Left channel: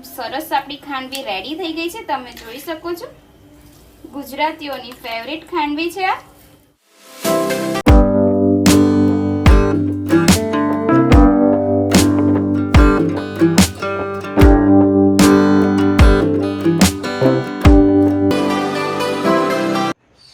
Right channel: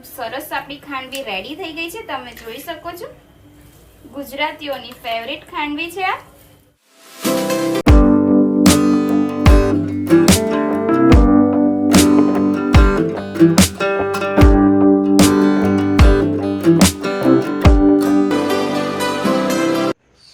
સરસ આપણી ખાંડવી રેડી થઈ ગઈ છે, તમે જોઈ શકો છો। ગુજરાતીઓની ફેવરિટ ખાંડવી છે આ।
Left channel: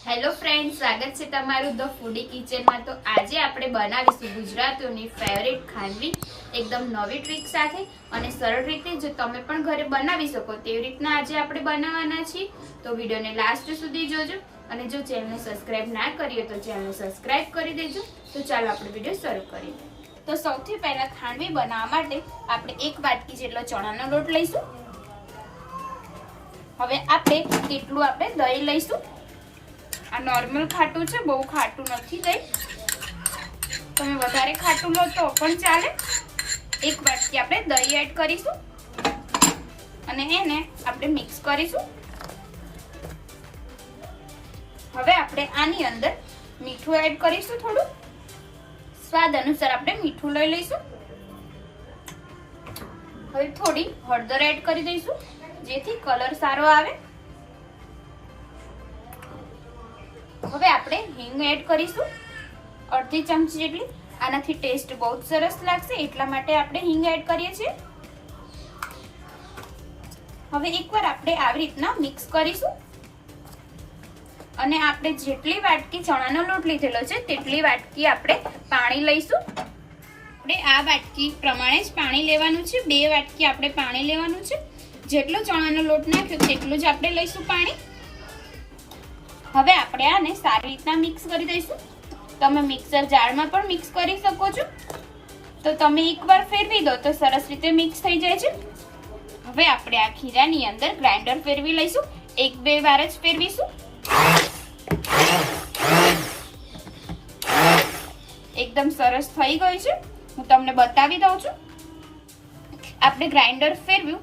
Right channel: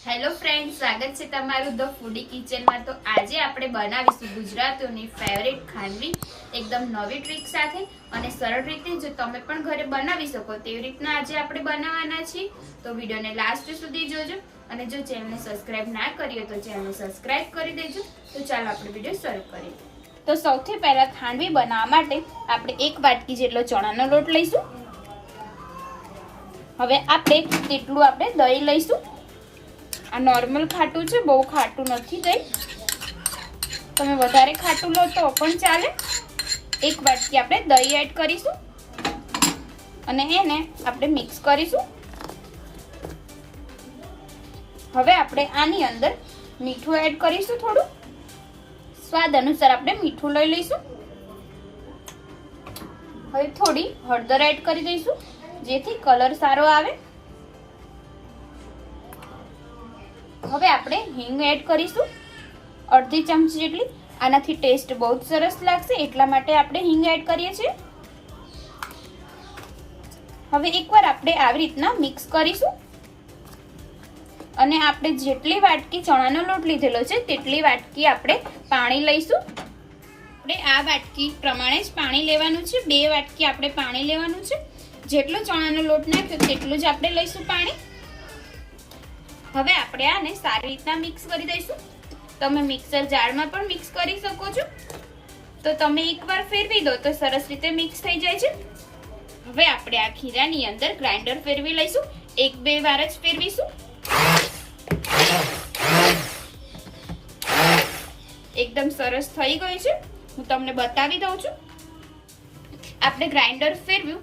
હેલો ફ્રેન્ડ, સ્વાગત છે તમારું ધ ફૂડી કિચનમાં। તો આજે આપણે બનાવીશું ગુજરાતીઓની ફેવરિટ ખાંડવી એકદમ નવી ટ્રીક સાથે અને સરળ રીતે જો તમે પણ ઘરે બનાવી શકો તેવી રીતના આજે આપણે બનાવવાના છીએ। તો વિડીયોને લાસ્ટ સુધી જોજો અને જો ચેનલને સબસ્ક્રાઇબ ના કરી હોય તો ચેનલને સબસ્ક્રાઇબ કરી દેજો। તો ચાલો આપણે વિડીયો શરૂ કરીએ। તો સૌથી પહેલા ખાંડવી બનાવવા માટે આપણે 1 વાટકી જેટલો ચણાનો લોટ લઈશું। હવે આપણે તેટલું આપણે દહીં લઈશું। આ નોર્મલ ખાટું છે, બહુ ખાટું નથી દહીં, તમે વધારે ખાટું લો તો પણ ચાલે। 1 વાટકી આપણે દહીં એડ કરીશું અને એને આપણે મિક્સ કરીશું। હવે આપણે આની અંદર મીઠું એડ કરીશું, થોડું સ્વાદ અનુસાર આપણે મીઠું લઈ લઈશું। હવે થોડી હળદર એડ કરી દઈશું જેથી કલર સારો આવે। હવે આપણે હિંગ એડ કરીશું, અડધી ચમચી જેટલી। આનાથી ટેસ્ટ બહુ જ સરસ લાગશે એટલા માટે આપણે હિંગ એડ કરીએ છીએ। હવે એકવાર આપણે આવી રીતના મિક્સ કરીશું અને આપણે જેટલી વાટકી ચણાનો લોટ લીધેલો છે તેટલી વાટકી આપણે પાણી લઈશું। આપણે આ વાટકી પ્રમાણે જ પાણી લેવાનું છે, 2 વાટકી આપણે પાણી લેવાનું છે। જેટલો ચણાનો લોટ નાખ્યો તેટલું જ આપણે લઈશું પાણી। હવે આપણે આને સારી રીતના મિક્સ કરી દઈશું। તમે મિક્સર જારમાં પણ મિક્સ કરી શકો છો, તો તમે એકવાર ફેરવી દો તો સરસ રીતે મિક્સ થઈ જાય છે। હવે આપણે આ ખીરાની અંદર ગ્રાઇન્ડર ફેરવી લઈશું, 1-2 વાર જ ફેરવીશું। એકદમ સરસ થઈ ગયું છે, હું તમને બતાવી દઉં છું। આપણે ગ્રાઇન્ડર ફેરવ્યું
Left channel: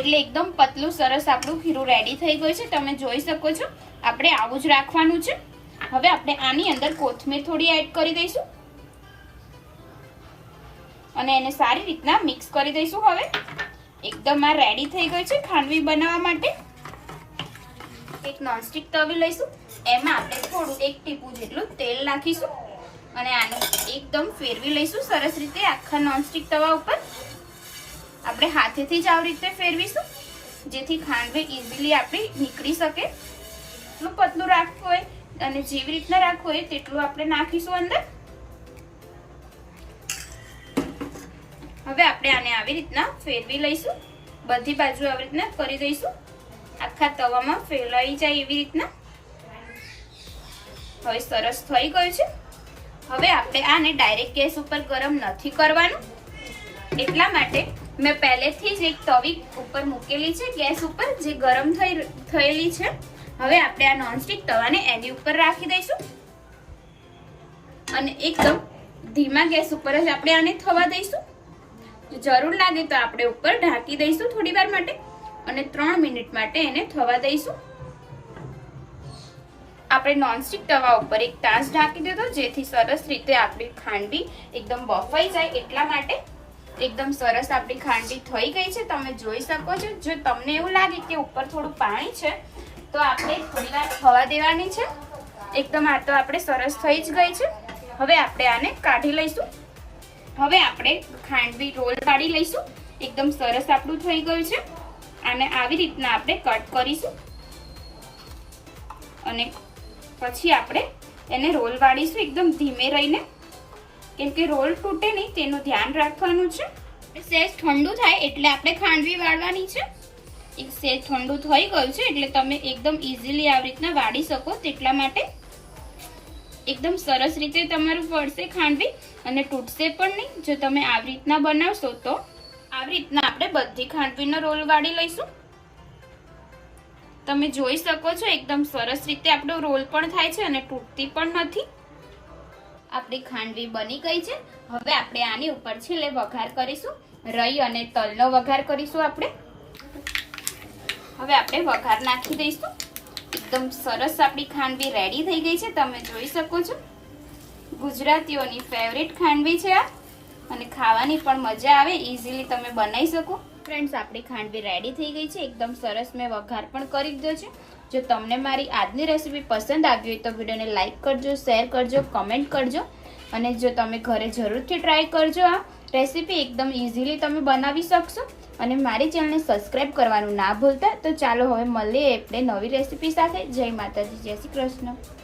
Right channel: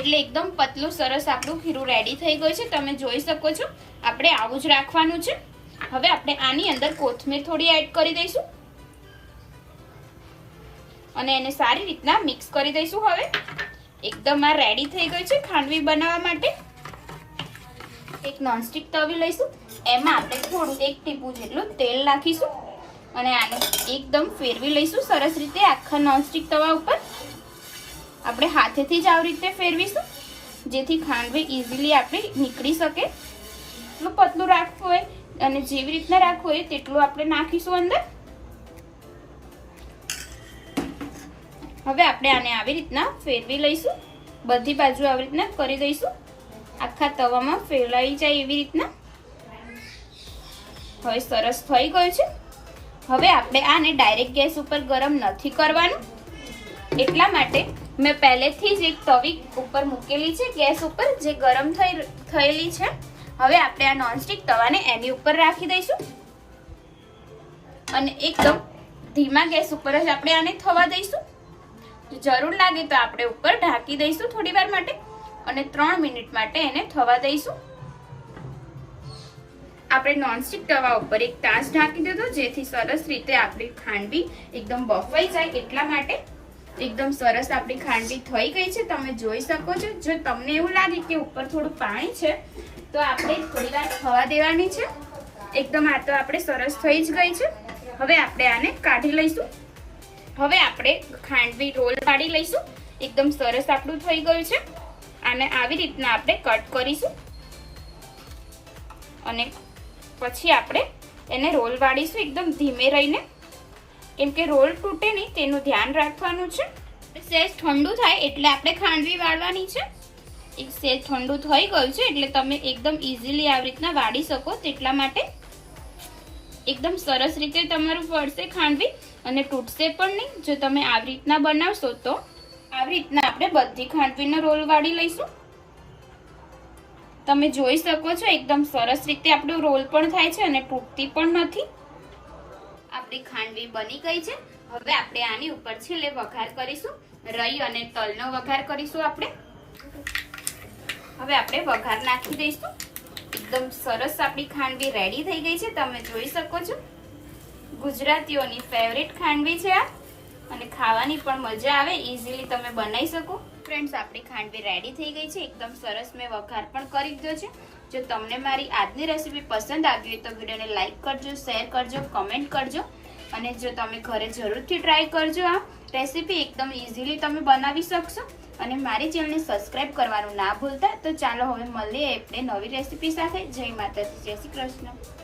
એટલે એકદમ પતલું સરસ આપણું ખીરું રેડી થઈ ગયું છે, તમે જોઈ શકો છો। આપણે આવું જ રાખવાનું છે। હવે આપણે આની અંદર કોથમીર થોડી એડ કરી દઈશું અને એને સારી રીતના મિક્સ કરી દઈશું। હવે એકદમ આ રેડી થઈ ગઈ છે ખાંડવી બનાવવા માટે। એક નોનસ્ટિક તવી લઈશું, એમાં આપણે થોડું 1 ટીપું જેટલું તેલ નાખીશું અને આને એકદમ ફેરવી લઈશું સરસ રીતે આખા નોનસ્ટિક તવા ઉપર। આપણે હાથેથી જ આવી રીતે ફેરવીશું જેથી ખાંડવી ઇઝીલી આપણી નીકળી શકે। એટલું પતલું રાખવું હોય અને જેવી રીતના રાખવું હોય તેટલું આપણે નાખીશું અંદર। હવે આપણે આને આવી રીતના ફેરવી લઈશું, બધી બાજુ આવી રીતના કરી દઈશું, આખા તવામાં ફેલાઈ જાય એવી રીતના। હવે સરસ થઈ ગયું છે। હવે આપણે આને ડાયરેક્ટ ગેસ ઉપર ગરમ નથી કરવાનું, એટલા માટે મેં પહેલેથી જ એક તવી ઉપર મૂકેલી છે ગેસ ઉપર જે ગરમ થયેલી છે। હવે આપણે આ નોનસ્ટિક તવાને એની ઉપર રાખી દઈશું અને એકદમ ધીમા ગેસ ઉપર જ આપણે આને થવા દઈશું। જરૂર લાગે તો આપણે ઉપર ઢાંકી દઈશું થોડી વાર માટે અને 3 મિનિટ માટે એને થવા દઈશું। આપણે નોનસ્ટિક તવા ઉપર 1 તાસ ઢાંકી દીધો જેથી સરસ રીતે આપણી ખાંડવી એકદમ બફાઈ જાય એટલા માટે। એકદમ સરસ આપણી ખાંડવી થઈ ગઈ છે, તમે જોઈ શકો છો। જો તમને એવું લાગે કે ઉપર થોડું પાણી છે તો આપણે થોડી વાર થવા દેવાની છે। એકદમ આ તો આપણે સરસ થઈ જ ગઈ છે। હવે આપણે આને કાઢી લઈશું। હવે આપણે ખાંડવી રોલ પાડી લઈશું, એકદમ સરસ આપણું થઈ ગયું છે। આને આવી રીતના આપણે કટ કરીશું અને પછી આપણે એને રોલ વાળીશું એકદમ ધીમે રહીને, કેમ કે રોલ તૂટે નહીં તેનું ધ્યાન રાખવાનું છે। સહેજ ઠંડુ થાય એટલે આપણે ખાંડવી વાળવાની છે। એક સહેજ ઠંડુ થઈ ગયું છે એટલે તમે એકદમ ઇઝીલી આવી રીતના વાળી શકો તેટલા માટે। એકદમ સરસ રીતે તમારું વળશે ખાંડવી અને તૂટશે પણ નહીં જો તમે આવી રીતના બનાવશો તો। આવી રીતના આપણે બધી ખાંડવીનો રોલ વાળી લઈશું, તમે જોઈ શકો છો। એકદમ સરસ રીતે આપણો રોલ પણ થાય છે અને તૂટતી પણ નથી। આપણી ખાંડવી બની ગઈ છે। હવે આપણે આની ઉપર છેલ્લે વઘાર કરીશું, રાઈ અને તલનો વઘાર કરીશું આપણે। હવે આપણે વઘાર નાખી દઈશું। એકદમ સરસ આપણી ખાંડવી રેડી થઈ ગઈ છે, તમે જોઈ શકો છો। ગુજરાતીઓની ફેવરિટ ખાંડવી છે આ અને ખાવાની પણ મજા આવે, ઇઝીલી તમે બનાવી શકો। ફ્રેન્ડ્સ આપણી ખાંડવી રેડી થઈ ગઈ છે, એકદમ સરસ મેં વઘાર પણ કરી દીધો છે। જો તમને મારી આજની રેસીપી પસંદ આવી હોય તો વિડીયોને લાઈક કરજો, શેર કરજો, કમેન્ટ કરજો અને જો તમે ઘરે જરૂરથી ટ્રાય કરજો। આ રેસીપી એકદમ ઇઝીલી તમે બનાવી શકશો અને મારી ચેનલને સબસ્ક્રાઇબ કરવાનું ના ભૂલતા। તો ચાલો હવે મળીએ આપણે નવી રેસીપી સાથે। જય માતાજી, જય શ્રી કૃષ્ણ।